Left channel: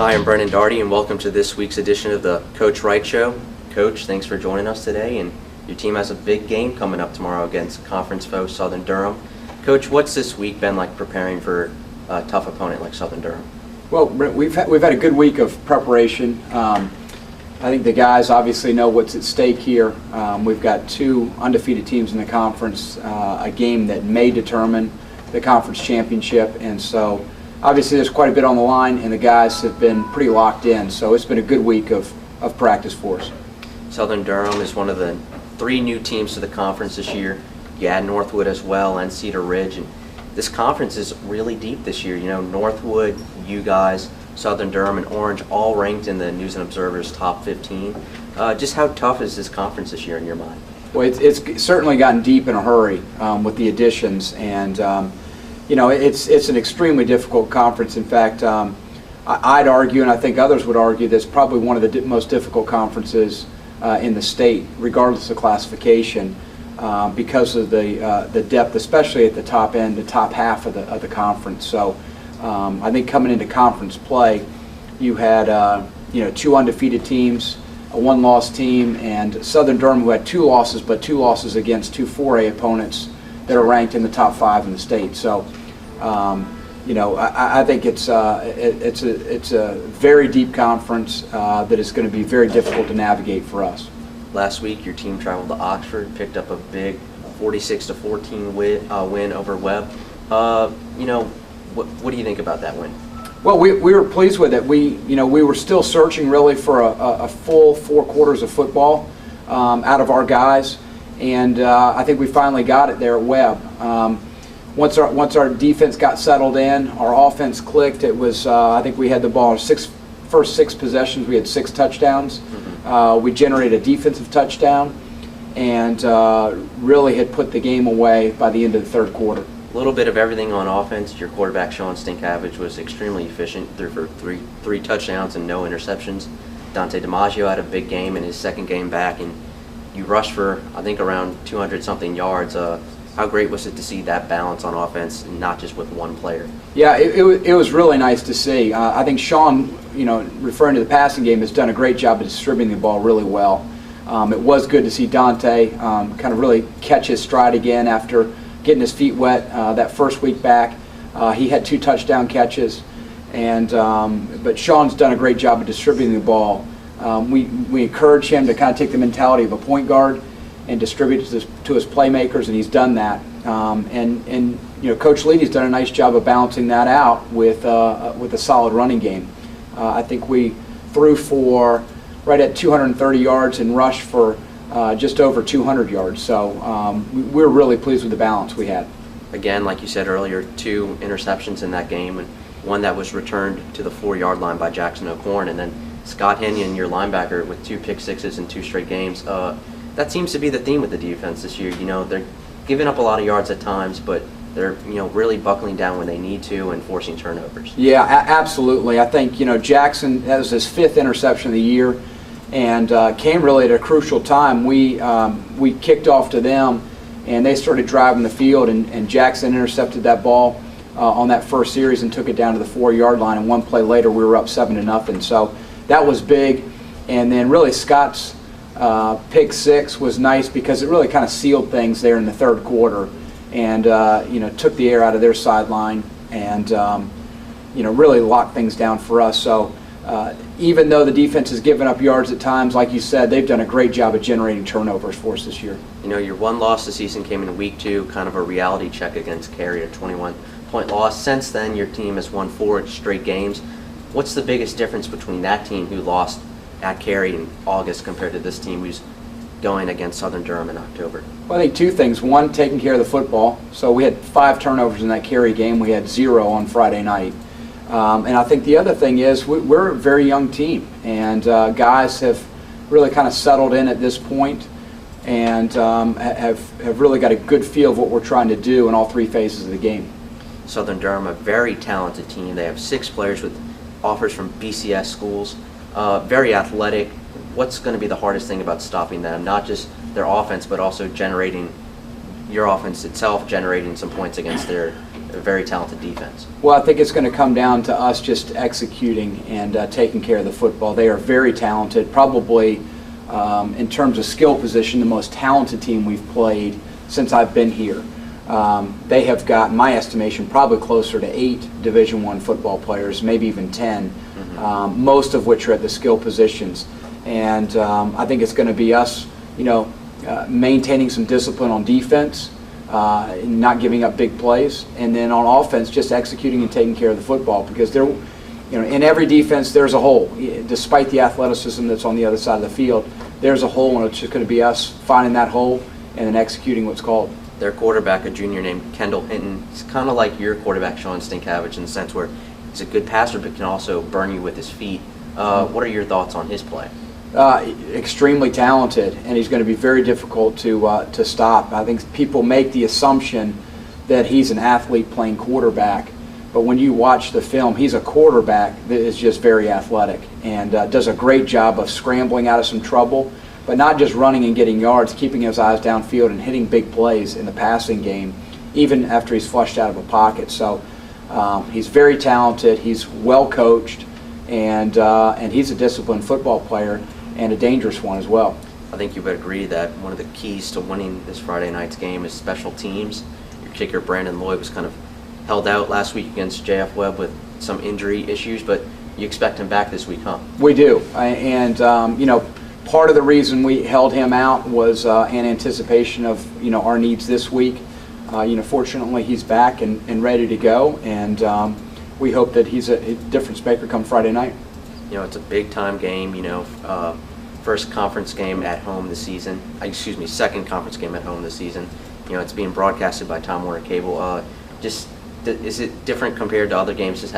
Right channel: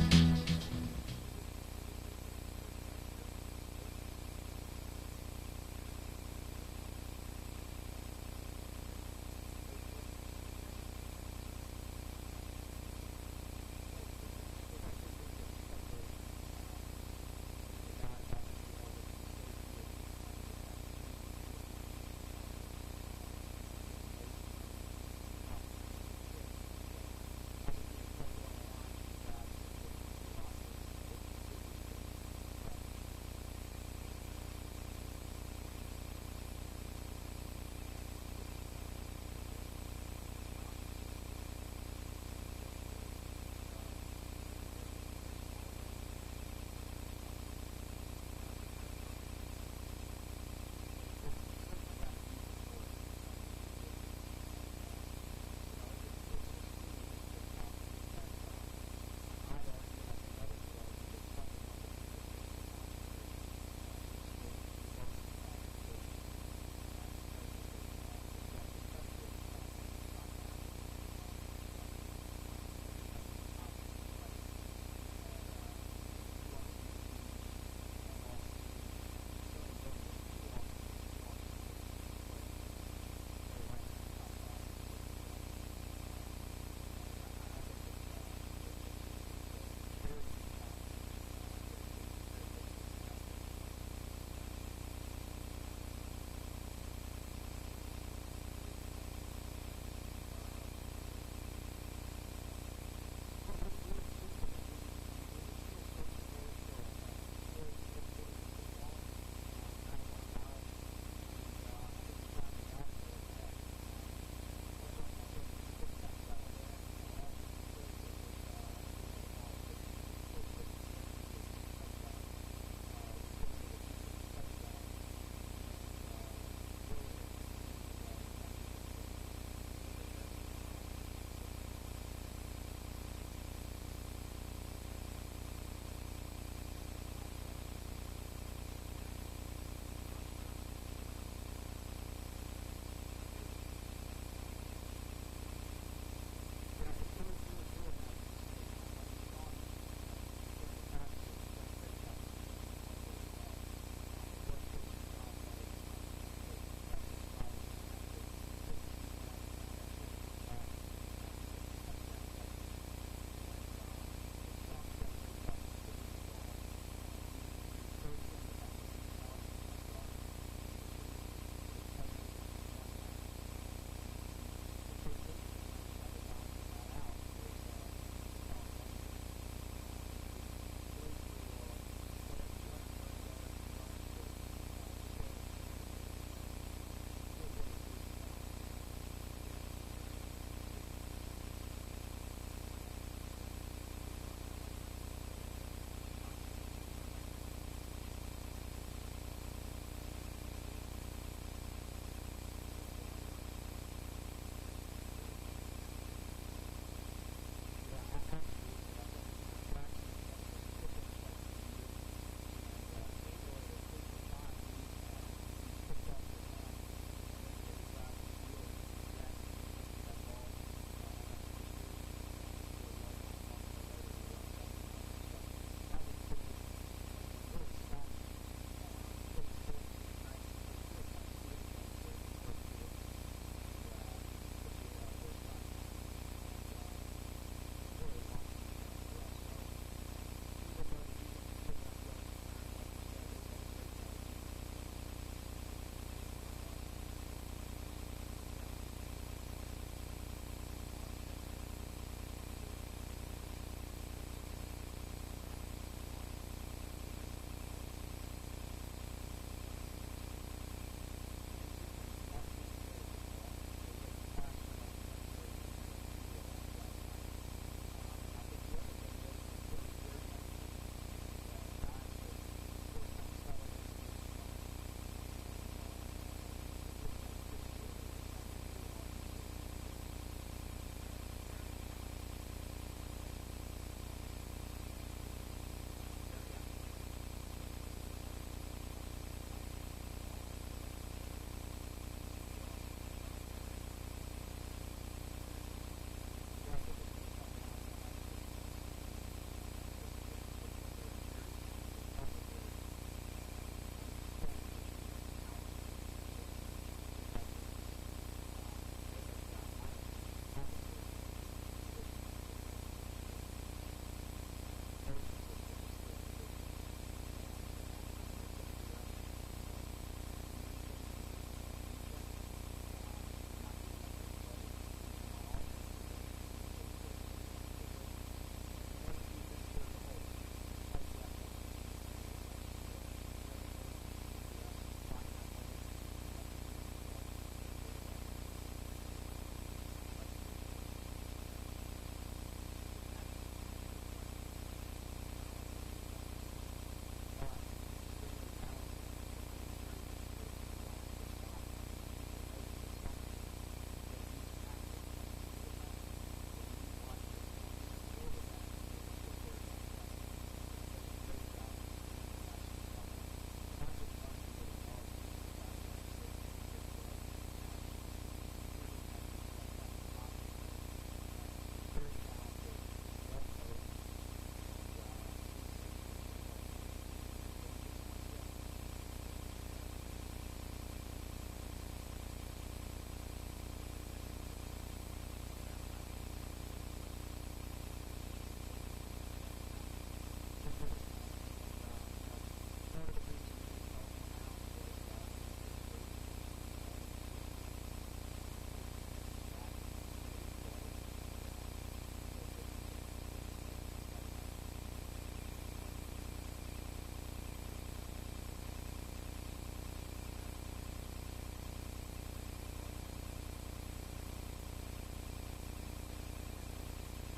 Hi, I'm Brennan Doherty, and welcome to this week's edition of the Coach Wright Show. Coach, thanks for joining us today, and your team has a big game coming up tomorrow against conference foe Southern Durham. Coach, what's this week been like preparing for a tough opponent like Southern Durham? Well, we've had a good week of preparation. I think the guys obviously know what's at stake here. We've got two undefeated teams in the conference, a game that may determine the conference championship, and so obviously there's quite a bit on the line, and the guys have been pretty locked in, so it's been a good week of practice for us. Southern Durham is one of the three new teams to the conference this year. You add Northwood as well and Cedar Ridge, and this conference is really deep this year. You know, Northwood, you guys, Southern Durham, and Orange all ranked in the News and Observer's top 15. Just how tough is this conference this year in your mind? Well, it's certainly gotten deep in a hurry with the additions, and you know, it's an extremely difficult conference. In fact, I'd argue, and I think others would argue, that it's probably one of the most difficult conferences in the state, regardless of classification, because of the depth, especially at the top end, the top half of the conference. So I think coming into conference play, you had two undefeated teams, a one-loss team, and Southern Durham, who had two losses, but two losses against two 4A opponents that are ranked in the top 5 in the state. So I think it's a very deep conference that is going to be very difficult to navigate for us. Last week, your team traveled to Oxford, picked up a big 46-14 win over Webb. What do you think about that win? Well, we were pleased with it. We were still searching really for a full 4 quarters of football out of our guys, and I think we finally got it there at Webb. Once our defense got settled in, our offense clicked. It was I think we had the ball first 6 possessions. We had 6 touchdowns. We generated a defensive touchdown, and really had put the game away by the end of the 3rd quarter. A little bit of everything on offense. Your quarterback, Sean Stinkavage, was extremely efficient, threw for three touchdowns and no interceptions. Dante DiMaggio had a big game in his 2nd game back, and you rushed for, I think, around 200-something yards. How great was it to see that balance on offense, and not just with one player? Yeah, it was really nice to see. I think Sean, referring to the passing game, has done a great job of distributing the ball really well. It was good to see Dante kind of really catch his stride again after getting his feet wet that first week back. He had 2 touchdown catches, but Sean's done a great job of distributing the ball. We encourage him to kind of take the mentality of a point guard and distribute to his playmakers, and he's done that. Coach Leedy's done a nice job of balancing that out with a solid running game. I think we threw for right at 230 yards and rushed for just over 200 yards. So we're really pleased with the balance we had. Again, like you said earlier, 2 interceptions in that game, and one that was returned to the 4-yard line by Jackson O'Corn, and then Scott Henyon, your linebacker, with 2 pick sixes in 2 straight games. That seems to be the theme with the defense this year. They're giving up a lot of yards at times, but they're really buckling down when they need to and forcing turnovers. Yeah, absolutely. I think Jackson, that was his 5th interception of the year, and came really at a crucial time. We kicked off to them, and they started driving the field, and Jackson intercepted that ball on that first series and took it down to the 4-yard line. And 1 play later, we were up 7-0. So that was big. And then really Scott's pick 6 was nice because it really kind of sealed things there in the 3rd quarter, and took the air out of their sideline, and really locked things down for us. So even though the defense has given up yards at times, like you said, they've done a great job of generating turnovers for us this year. Your one loss this season came in week 2, kind of a reality check against Cary, a 21-point loss. Since then, your team has won 4 straight games. What's the biggest difference between that team who lost at Cary in August compared to this team who's going against Southern Durham in October? Well, I think 2 things. One, taking care of the football. So we had 5 turnovers in that Cary game. We had 0 on Friday night. And I think the other thing is we're a very young team, and guys have really kind of settled in at this point, and have really got a good feel of what we're trying to do in all 3 phases of the game. Southern Durham, a very talented team. They have 6 players with offers from BCS schools, very athletic. What's going to be the hardest thing about stopping them? Not just their offense, but also your offense itself generating some points against their a very talented defense. Well, I think it's going to come down to us just executing and taking care of the football. They are very talented, probably in terms of skill position, the most talented team we've played since I've been here. They have got, in my estimation, probably closer to 8 Division I football players, maybe even 10, most of which are at the skill positions. And I think it's going to be us, maintaining some discipline on defense, not giving up big plays, and then on offense, just executing and taking care of the football. Because in every defense, there's a hole. Despite the athleticism that's on the other side of the field, there's a hole, and it's just going to be us finding that hole and then executing what's called. Their quarterback, a junior named Kendall Hinton, is kind of like your quarterback, Sean Stinkavage, in the sense where he's a good passer but can also burn you with his feet. What are your thoughts on his play? Extremely talented, and he's going to be very difficult to stop. I think people make the assumption that he's an athlete playing quarterback, but when you watch the film, he's a quarterback that is just very athletic and does a great job of scrambling out of some trouble, but not just running and getting yards, keeping his eyes downfield and hitting big plays in the passing game, even after he's flushed out of a pocket. So he's very talented, he's well coached, and he's a disciplined football player and a dangerous one as well. I think you would agree that one of the keys to winning this Friday night's game is special teams. Your kicker, Brandon Lloyd, was kind of held out last week against J.F. Webb with some injury issues, but you expect him back this week, huh? We do, and part of the reason we held him out was in anticipation of our needs this week. Fortunately, he's back and ready to go, and we hope that he's a difference maker come Friday night. It's a big-time game, first conference game at home this season. Second conference game at home this season. It's being broadcasted by Time Warner Cable. Is it different compared to other games,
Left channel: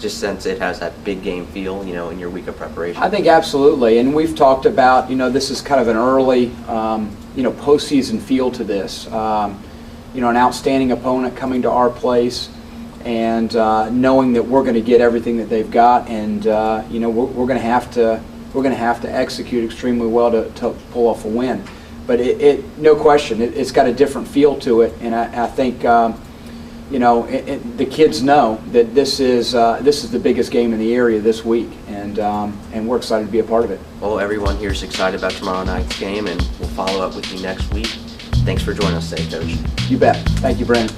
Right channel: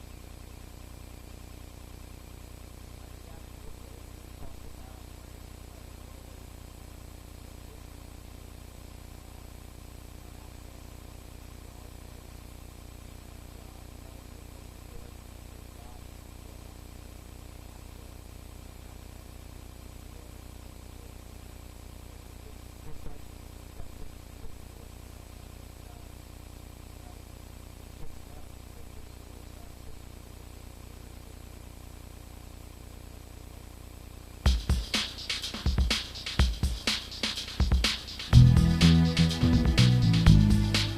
just since it has that big game feel, in your week of preparation? I think absolutely, and we've talked about, this is kind of an early, postseason feel to this. An outstanding opponent coming to our place, and knowing that we're going to get everything that they've got, and we're going to have to execute extremely well to pull off a win. But no question, it's got a different feel to it, and I think the kids know that this is the biggest game in the area this week, and we're excited to be a part of it. Well, everyone here is excited about tomorrow night's game, and we'll follow up with you next week. Thanks for joining us today, Coach. You bet. Thank you, Brennan.